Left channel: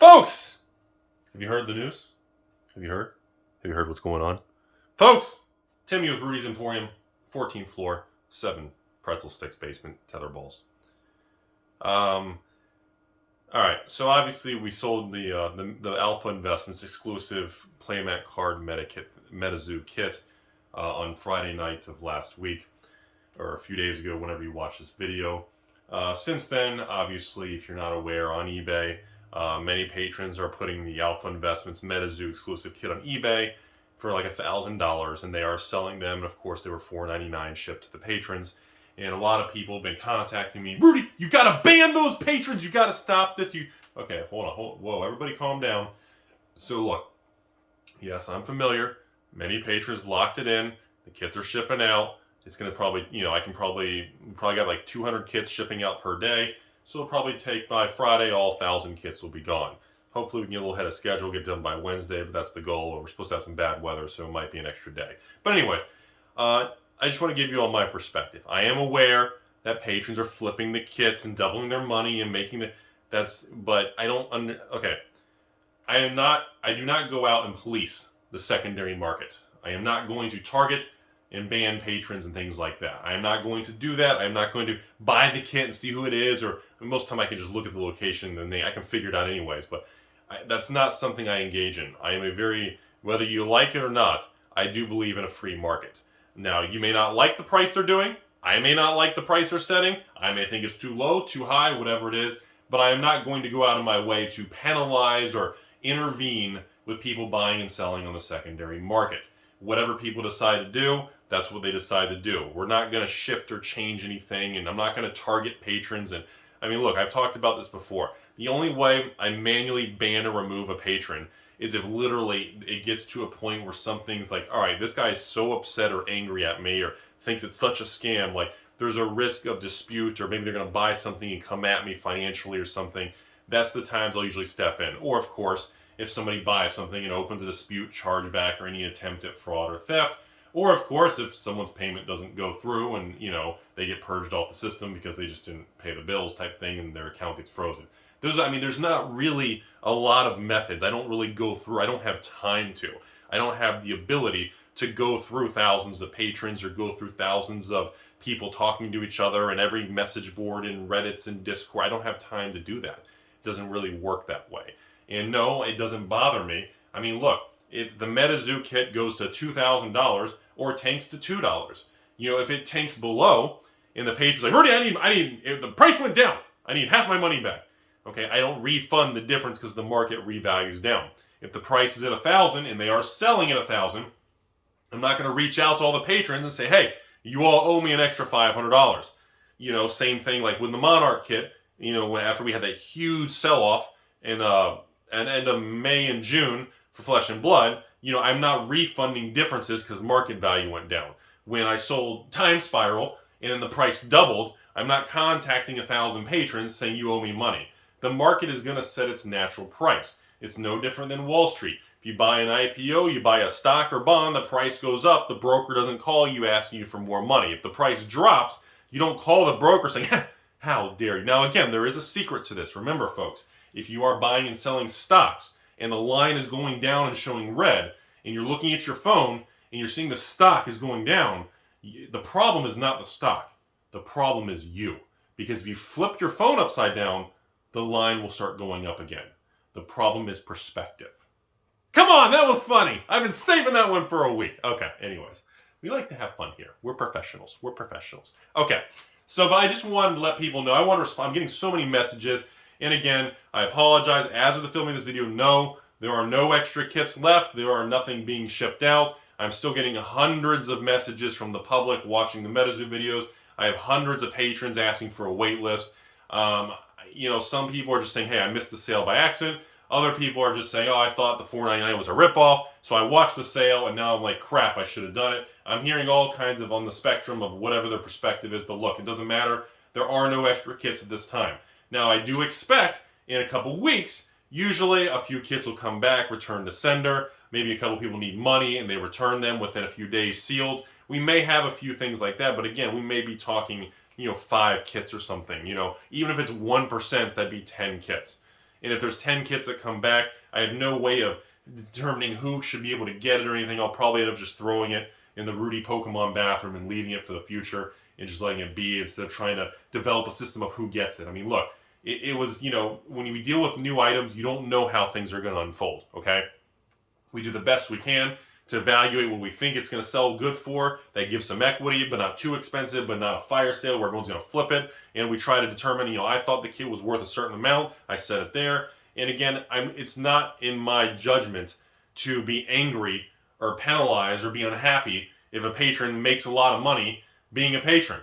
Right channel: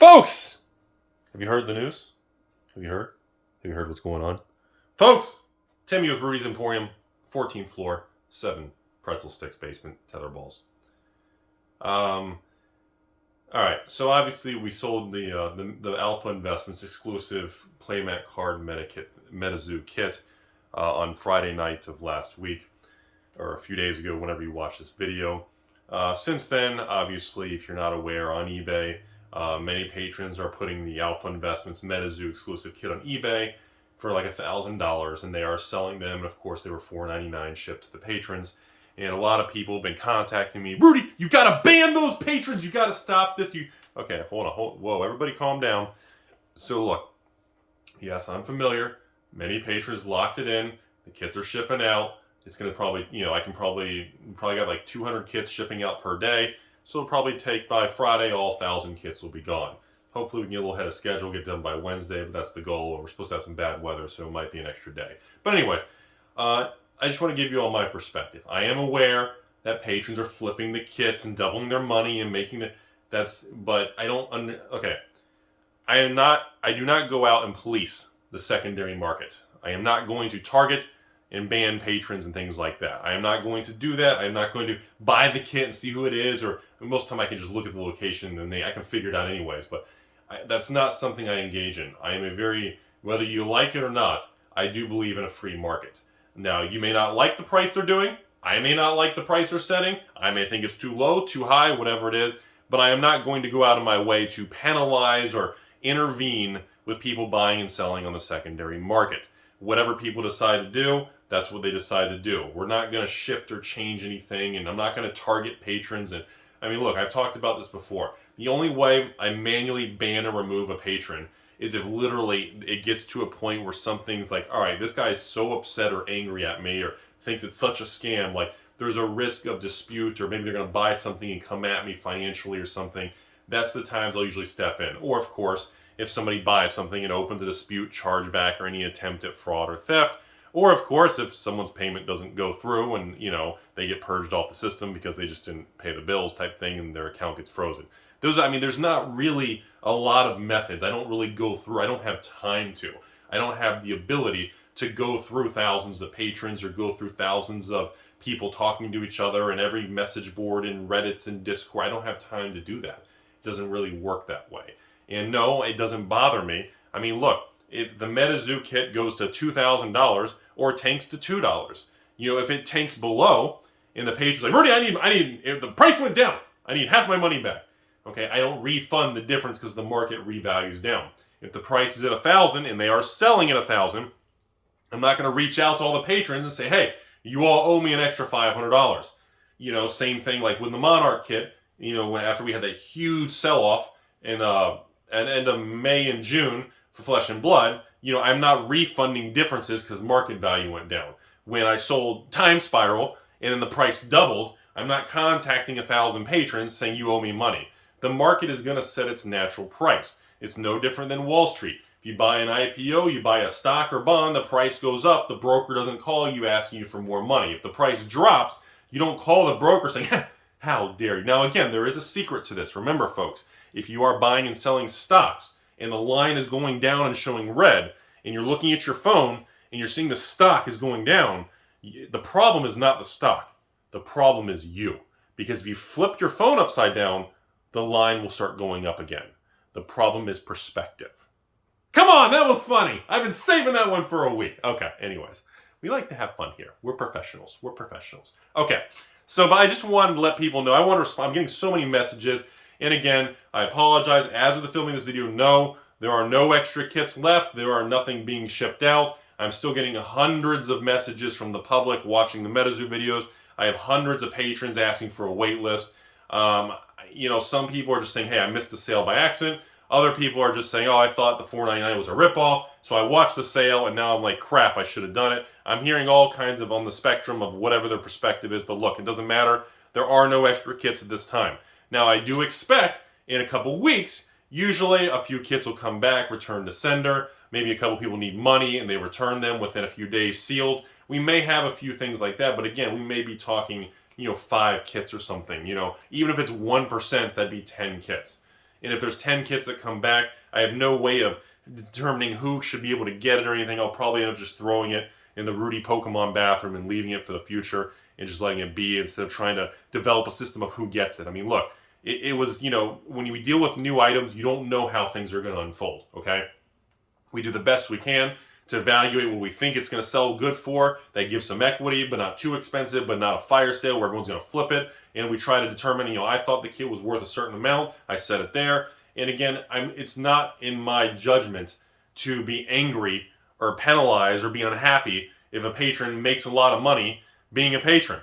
Folks! Have you heard the news? Have you heard? Have you heard what's going on? Folks! Timmy with Rudy's Emporium, 14th floor, 7 pretzel sticks basement, tether balls. Alright, so obviously we sold the Alpha Investments exclusive playmat card MetaZoo kit on Friday night of last week, or a few days ago, whenever you watch this video. Since then, obviously, if you're not aware, on eBay, many patrons are putting the Alpha Investments MetaZoo exclusive kit on eBay for like $1,000, and they are selling them. And of course, they were $4.99 shipped to the patrons. And a lot of people have been contacting me. Rudy, you gotta ban those patrons. You gotta stop this. Okay, hold on. Whoa, everybody, calm down. So look, yes, I'm familiar. Many patrons locked it in. The kits are shipping out. It's gonna probably, I can probably got like 200 kits shipping out per day. So it'll probably take by Friday, all 1,000 kits will be gone. Hopefully we can get a little ahead of schedule, get done by Wednesday, but that's the goal. We're supposed to have some bad weather, so it might be an extra day. But anyways, I just want to give you all my perspective. I am aware that patrons are flipping the kits and doubling their money and making but I don't okay. I do not go out and police the secondary market. I am not going to target and ban patrons and things like that. I am not going to do that. I am not going to buy the kit and see who it is, or most of the time I can just look at the location and I can figure it out anyways, but that's not something I engage in. I am whether you like it or not, I do believe in a free market. Now, you may not like the price they're doing. I may not like the price they're setting. I may think it's too low, too high, whatever it is, but I am not going to go out of my way to penalize or intervene with people buying and selling on the secondary market. Whatever people decide to do, that's what they decide to do. We're not going to shift or change anything, and I'm not going to target patrons. And I mean, look, I've talked about this before. The only way I manually ban or remove a patron is if literally it gets to a point where something's like, all right, this guy's so upset or angry at me or thinks it's such a scam, like there's a risk of dispute, or maybe they're going to buy something and come at me financially or something. That's the times I'll usually step in. Or, of course, if somebody buys something and opens a dispute, chargeback, or any attempt at fraud or theft. Or, of course, if someone's payment doesn't go through and, they get purged off the system because they just didn't pay the bills type thing and their account gets frozen. There's not really a lot of methods. I don't really go through. I don't have time to. I don't have the ability to go through thousands of patrons or go through thousands of people talking to each other and every message board and Reddits and Discord. I don't have time to do that. It doesn't really work that way. And no, it doesn't bother me. I mean, look, if the MetaZoo kit goes to $2,000 or tanks to $2, if it tanks below and the page is like, Rudy, if the price went down, I need half my money back. Okay, I don't refund the difference because the market revalues down. If the price is at 1,000 and they are selling at 1,000, I'm not going to reach out to all the patrons and say, hey, you all owe me an extra $500. Same thing like with the Monarch kit. After we had that huge sell-off in end of May and June for Flesh and Blood, I'm not refunding differences because market value went down. When I sold Time Spiral and then the price doubled, I'm not contacting 1,000 patrons saying you owe me money. The market is going to set its natural price. It's no different than Wall Street. If you buy an IPO, you buy a stock or bond, the price goes up, the broker doesn't call you asking you for more money. If the price drops, you don't call the broker saying, how dare you. Now again, there is a secret to this. Remember folks, if you are buying and selling stocks and the line is going down and showing red, and you're looking at your phone and you're seeing the stock is going down, the problem is not the stock. The problem is you. Because if you flip your phone upside down, the line will start going up again. The problem is perspective. Come on, that was funny. I've been saving that one for a week. Okay, anyways. We like to have fun here. We're professionals. Okay, but I just wanted to let people know. I want to respond. I'm getting so many messages. And again, I apologize. As of the filming of this video, no, there are no extra kits left. There are nothing being shipped out. I'm still getting hundreds of messages from the public watching the MetaZoo videos. I have hundreds of patrons asking for a wait list. Some people are just saying, hey, I missed the sale by accident. Other people are just saying, oh, I thought the $4.99 was a ripoff, so I watched the sale, and now I'm like, crap, I should have done it. I'm hearing all kinds of on the spectrum of whatever their perspective is, but look, it doesn't matter. There are no extra kits at this time. Now, I do expect in a couple weeks, usually a few kits will come back, return to sender. Maybe a couple people need money, and they return them within a few days sealed. We may have a few things like that, but again, we may be talking 5 kits or something. Even if it's 1%, that'd be 10 kits. And if there's 10 kits that come back, I have no way of determining who should be able to get it or anything. I'll probably end up just throwing it in the Rudy Pokemon bathroom and leaving it for the future and just letting it be instead of trying to develop a system of who gets it. I mean, look, it was, you know, when we deal with new items, you don't know how things are going to unfold, okay? We do the best we can to evaluate what we think it's going to sell good for. That gives some equity, but not too expensive, but not a fire sale where everyone's going to flip it. And we try to determine, you know, I thought the kit was worth a certain amount. I set it there. And again, it's not in my judgment to be angry or penalize or be unhappy if a patron makes a lot of money being a patron.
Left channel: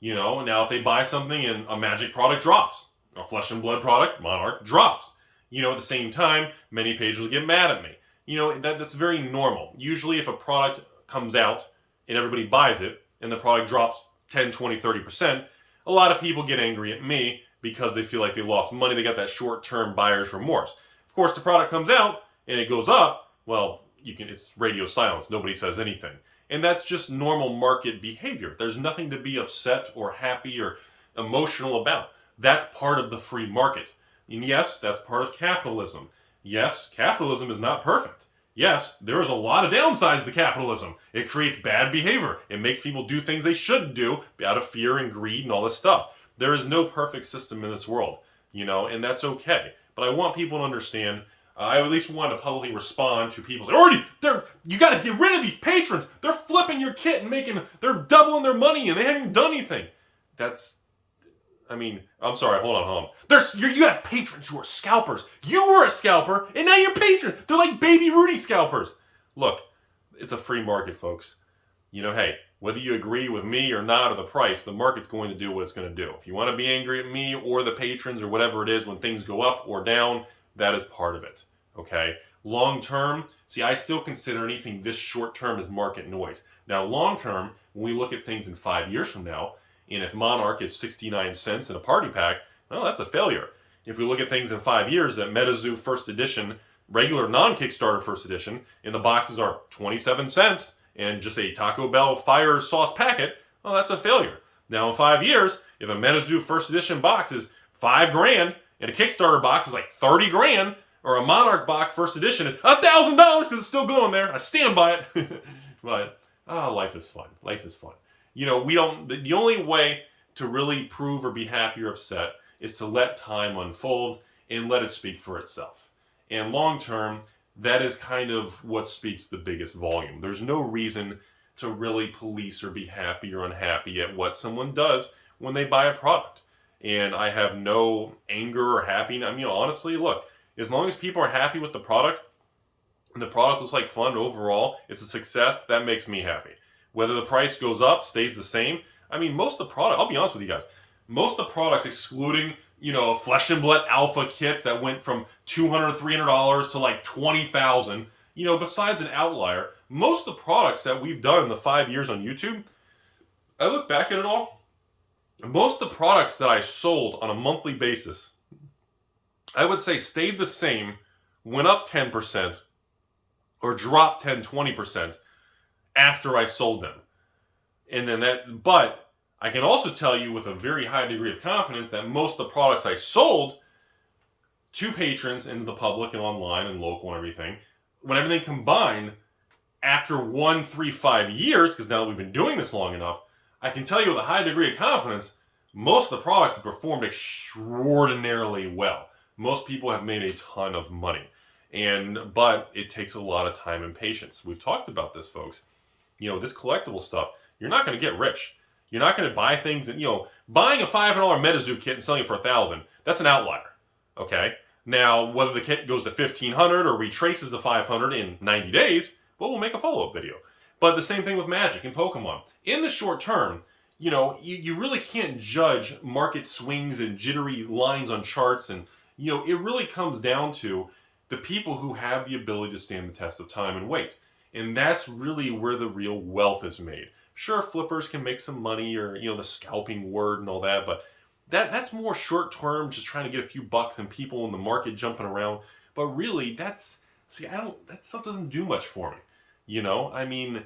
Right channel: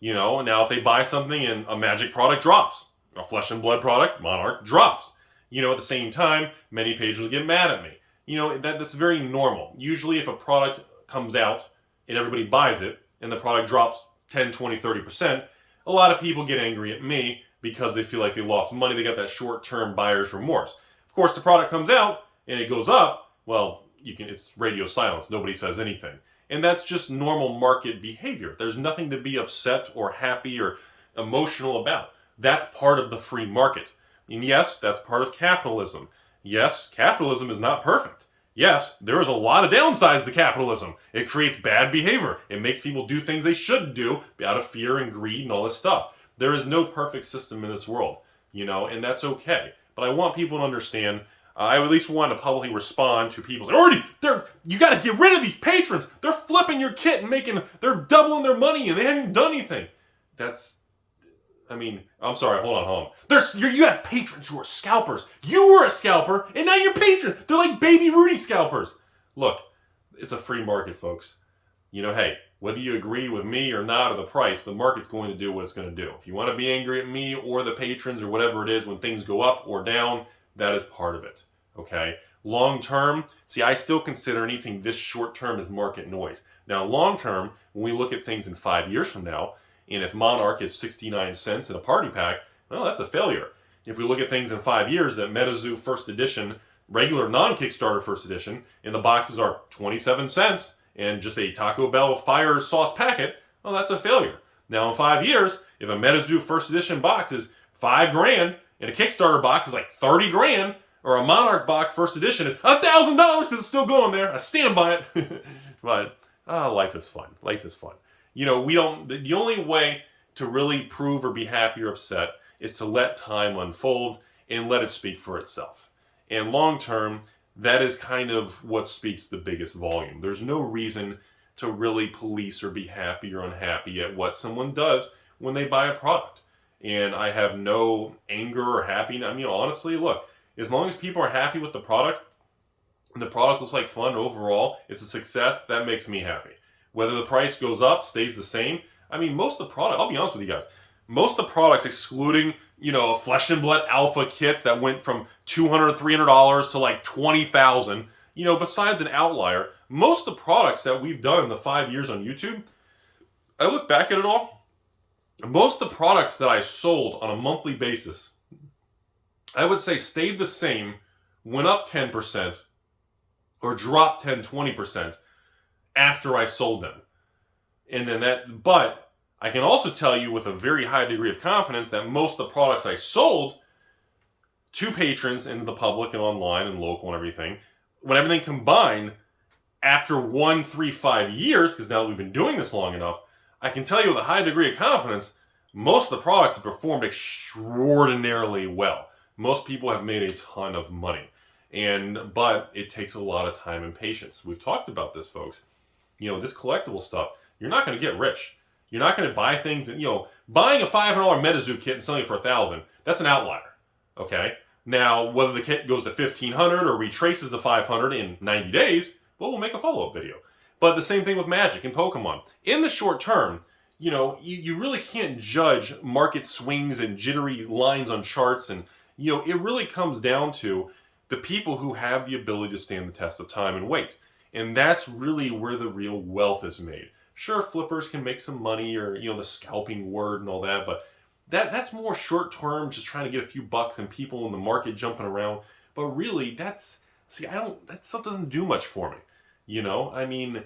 You know, now if they buy something and a magic product drops, a flesh and blood product, Monarch, drops. You know, at the same time, many patrons get mad at me. You know, that's very normal. Usually if a product comes out and everybody buys it and the product drops 10, 20, 30%, a lot of people get angry at me because they feel like they lost money. They got that short-term buyer's remorse. Of course, the product comes out and it goes up. Well, it's radio silence. Nobody says anything. And that's just normal market behavior. There's nothing to be upset or happy or emotional about. That's part of the free market. And yes, that's part of capitalism. Yes, capitalism is not perfect. Yes, there is a lot of downsides to capitalism. It creates bad behavior. It makes people do things they shouldn't do out of fear and greed and all this stuff. There is no perfect system in this world, you know, and that's okay. But I want people to understand, I at least want to publicly respond to people saying, you got to get rid of these patrons. They're flipping your kit and they're doubling their money and they haven't even done anything. I'm sorry, hold on. You have patrons who are scalpers. You were a scalper, and now you're patrons. They're like baby Rudy scalpers. Look, it's a free market, folks. You know, hey, whether you agree with me or not or the price, the market's going to do what it's going to do. If you want to be angry at me or the patrons or whatever it is when things go up or down, that is part of it, okay? Long term, see, I still consider anything this short term as market noise. Now, long term, when we look at things in 5 years from now, and if Monarch is 69 cents in a party pack, well, that's a failure. If we look at things in 5 years, that MetaZoo first edition, regular non-Kickstarter first edition, and the boxes are 27 cents and just a Taco Bell fire sauce packet, well, that's a failure. Now in 5 years, if a MetaZoo first edition box is $5,000 and a Kickstarter box is like 30 grand, or a Monarch box first edition is $1,000 because it's still going there, I stand by it. But life is fun. Life is fun. You know, the only way to really prove or be happy or upset is to let time unfold and let it speak for itself. And long term, that is kind of what speaks the biggest volume. There's no reason to really police or be happy or unhappy at what someone does when they buy a product. And I have no anger or happiness. I mean, honestly, look, as long as people are happy with the product and the product looks like fun overall, it's a success, that makes me happy. Whether the price goes up, stays the same. I mean, most of the product, I'll be honest with you guys, most of the products, excluding, you know, flesh and blood alpha kits that went from $200, $300 to like $20,000, you know, besides an outlier, most of the products that we've done in the 5 years on YouTube, I look back at it all, most of the products that I sold on a monthly basis, I would say stayed the same, went up 10%, or dropped 10, 20%, after I sold them. And then but I can also tell you with a very high degree of confidence that most of the products I sold to patrons and the public and online and local and everything, when everything combined, after 1, 3, 5 years, because now that we've been doing this long enough, I can tell you with a high degree of confidence, most of the products have performed extraordinarily well. Most people have made a ton of money. But it takes a lot of time and patience. We've talked about this, folks. You know, this collectible stuff, you're not going to get rich. You're not going to buy things and, you know, buying a $500 MetaZoo kit and selling it for $1,000, that's an outlier. Okay? Now, whether the kit goes to $1,500 or retraces to $500 in 90 days, well, we'll make a follow-up video. But the same thing with Magic and Pokemon. In the short term, you know, you really can't judge market swings and jittery lines on charts. And, you know, it really comes down to the people who have the ability to stand the test of time and wait. And that's really where the real wealth is made. Sure, flippers can make some money, or, you know, the scalping word and all that, but that's more short term, just trying to get a few bucks and people in the market jumping around. But really, that stuff doesn't do much for me. You know, I mean,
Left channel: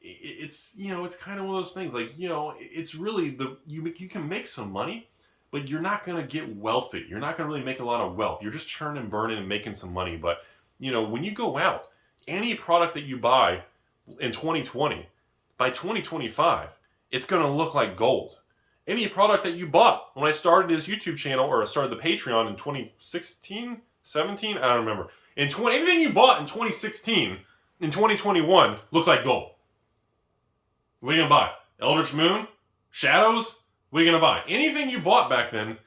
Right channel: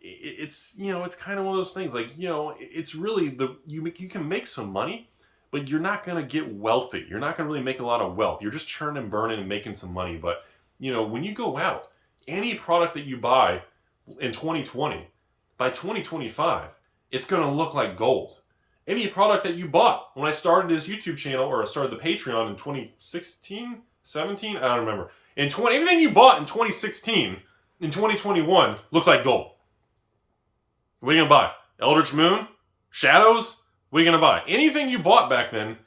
it's, you know, it's kind of one of those things, like, you know, it's really you can make some money, but you're not going to get wealthy. You're not going to really make a lot of wealth. You're just churning and burning and making some money. But, you know, when you go out, any product that you buy in 2020, by 2025, it's going to look like gold. Any product that you bought when I started this YouTube channel, or I started the Patreon in 2016, 17, I don't remember. Anything you bought in 2016, in 2021, looks like gold. What are you going to buy? Eldritch Moon? Shadows? What are you going to buy? Anything you bought back then,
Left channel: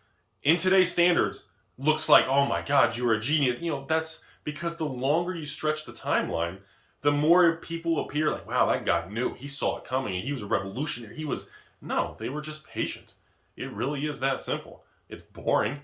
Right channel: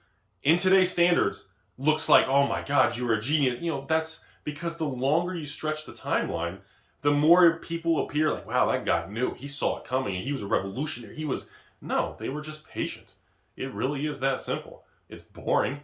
in today's standards, looks like, oh my God, you were a genius. You know, that's because the longer you stretch the timeline, the more people appear like, wow, that guy knew. He saw it coming. He was a revolutionary. No, they were just patient. It really is that simple. It's boring.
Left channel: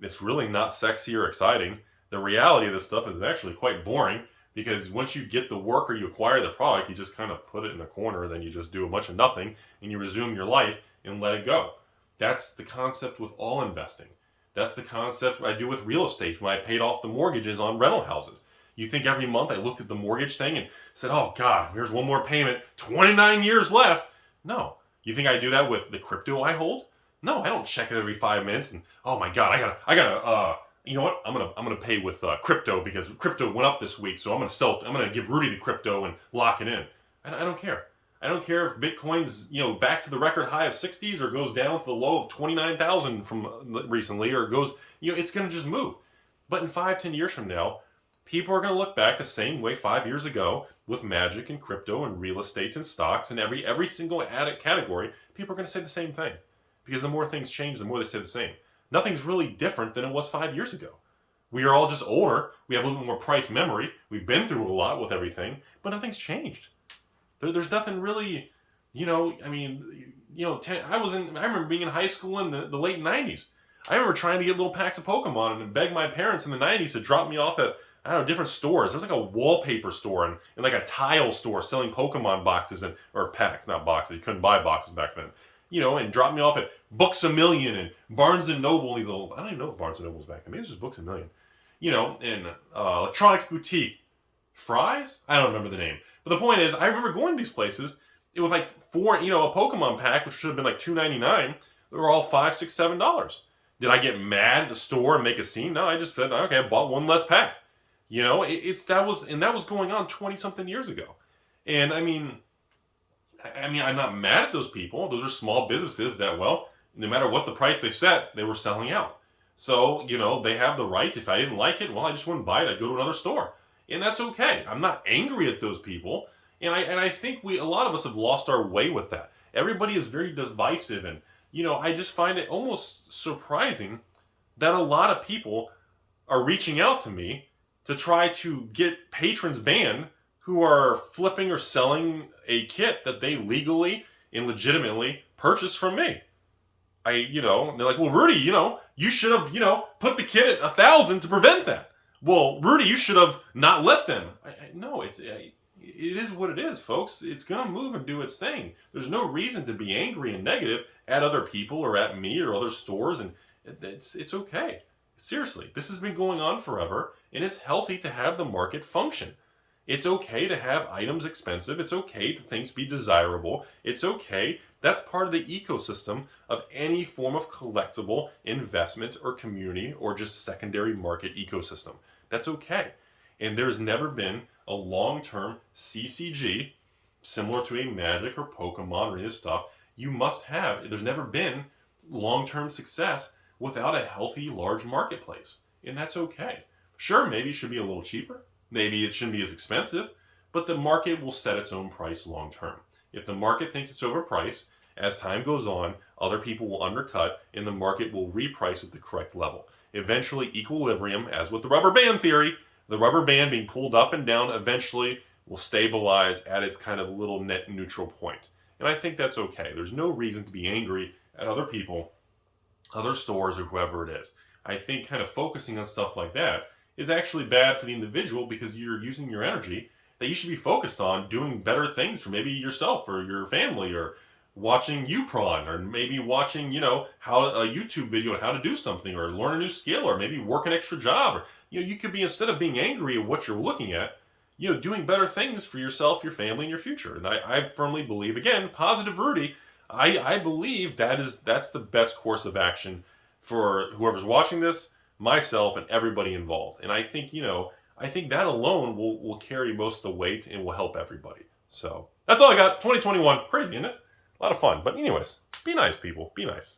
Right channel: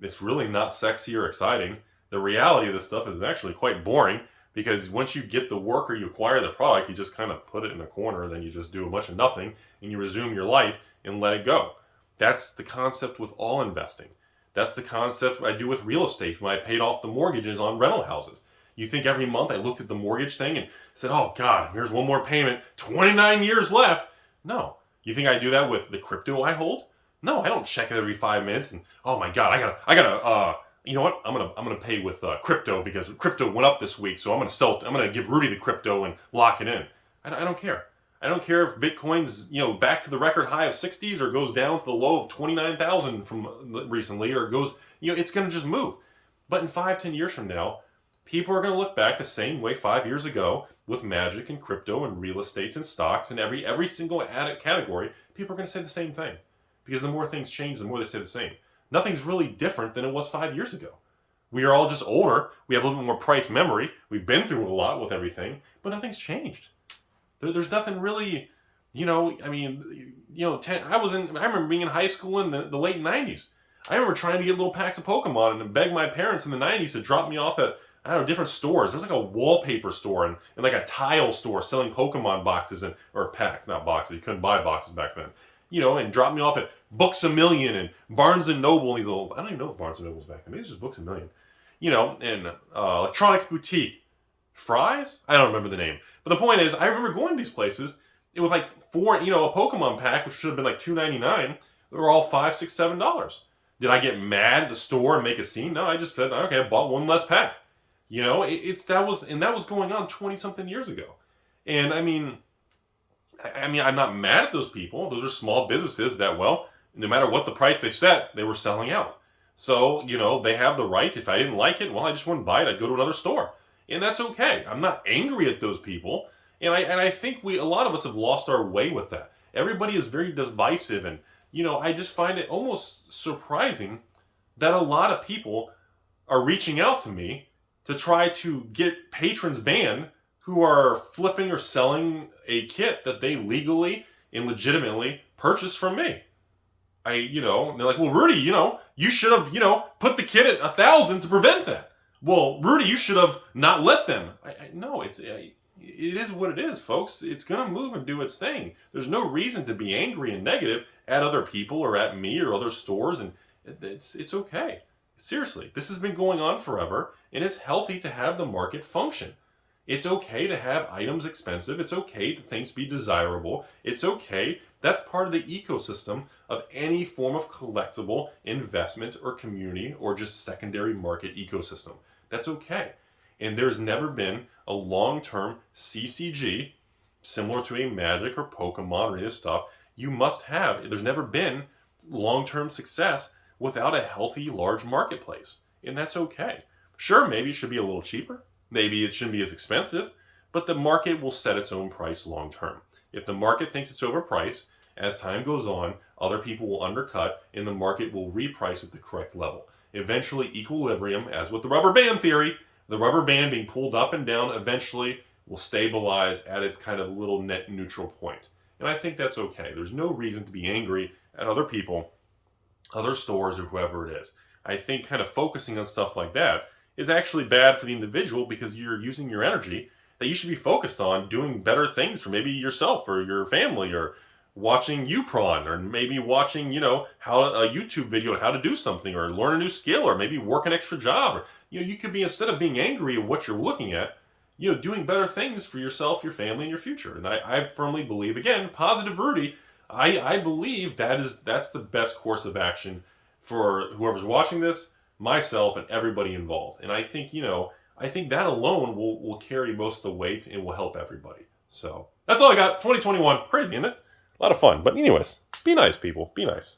It's really not sexy or exciting. The reality of this stuff is actually quite boring, because once you get the work or you acquire the product, you just kind of put it in a corner, then you just do a bunch of nothing, and you resume your life and let it go. That's the concept with all investing. That's the concept I do with real estate when I paid off the mortgages on rental houses. You think every month I looked at the mortgage thing and said, oh God, here's one more payment, 29 years left. No. You think I do that with the crypto I hold? No, I don't check it every 5 minutes and, oh my God, I gotta, you know what? I'm gonna pay with crypto because crypto went up this week, so I'm gonna give Rudy the crypto and lock it in. I don't care. I don't care if Bitcoin's, you know, back to the record high of 60s or goes down to the low of 29,000 from recently, or goes, you know, it's gonna just move. But in 5-10 years from now, people are gonna look back the same way 5 years ago with magic and crypto and real estate and stocks and every single category. People are gonna say the same thing, because the more things change, the more they say the same. Nothing's really different than it was 5 years ago. We are all just older. We have a little bit more price memory. We've been through a lot with everything, but nothing's changed. There's nothing really, you know, I mean, you know, I remember being in high school in the late 90s. I remember trying to get little packs of Pokemon and beg my parents in the 90s to drop me off at, I don't know, different stores. There was like a wallpaper store and like a tile store selling Pokemon boxes or packs, not boxes. You couldn't buy boxes back then. You know, and drop me off at Books A Million and Barnes & Noble and these little, I don't even know if Barnes & Noble was back then. Maybe it was just Books A Million. You know, and Electronics Boutique. Fry's? I don't remember the name. But the point is, I remember going to these places. It was like a Pokemon pack, which should have been like $2.99. They were all $5, $6, $7. Did I get mad at the store and make a scene? No, I just said, okay, I bought one less pack. You know, that was going on 20-something years ago. And I mean, I'm not mad at those people. Those are small businesses that, well, no matter what the price they set, they were selling out. So, you know, they have the right. If I didn't like it, well, I just wouldn't buy it. I'd go to another store. And that's okay. I'm not angry at those people. And I think a lot of us have lost our way with that. Everybody is very divisive. And, you know, I just find it almost surprising that a lot of people are reaching out to me to try to get patrons banned who are flipping or selling a kit that they legally and legitimately purchased from me. And they're like, well, Rudy, you should have, put the kit at 1,000 to prevent that. Well, Rudy, you should have not let them. No, it is what it is, folks. It's going to move and do its thing. There's no reason to be angry and negative at other people or at me or other stores, and it's okay. Seriously, this has been going on forever, and it's healthy to have the market function. It's okay to have items expensive. It's okay to things be desirable. It's okay. That's part of the ecosystem of any form of collectible investment or community or just secondary market ecosystem. That's okay. And there's never been a long-term CCG similar to a Magic or Pokemon or any of this stuff. There's never been long-term success without a healthy, large marketplace. And that's okay. Sure, maybe it should be a little cheaper. Maybe it shouldn't be as expensive, but the market will set its own price long term. If the market thinks it's overpriced, as time goes on, other people will undercut and the market will reprice at the correct level. Eventually, equilibrium, as with the rubber band theory, the rubber band being pulled up and down eventually will stabilize at its kind of little net neutral point. And I think that's okay. There's no reason to be angry at other people, other stores, or whoever it is. I think kind of focusing on stuff like that is actually bad for the individual because you're using your energy that you should be focused on doing better things for maybe yourself or your family, or watching UPRON, or maybe watching, how a YouTube video on how to do something, or learn a new skill, or maybe work an extra job, or, you could be, instead of being angry at what you're looking at, doing better things for yourself, your family, and your future. And I firmly believe, again, positive Rudy, I believe that's the best course of action for whoever's watching this, myself, and everybody involved. And I think, I think that alone will carry most of the weight and will help everybody. So that's all I got. 2021, crazy, isn't it? A lot of fun. But anyways, be nice, people. Be nice.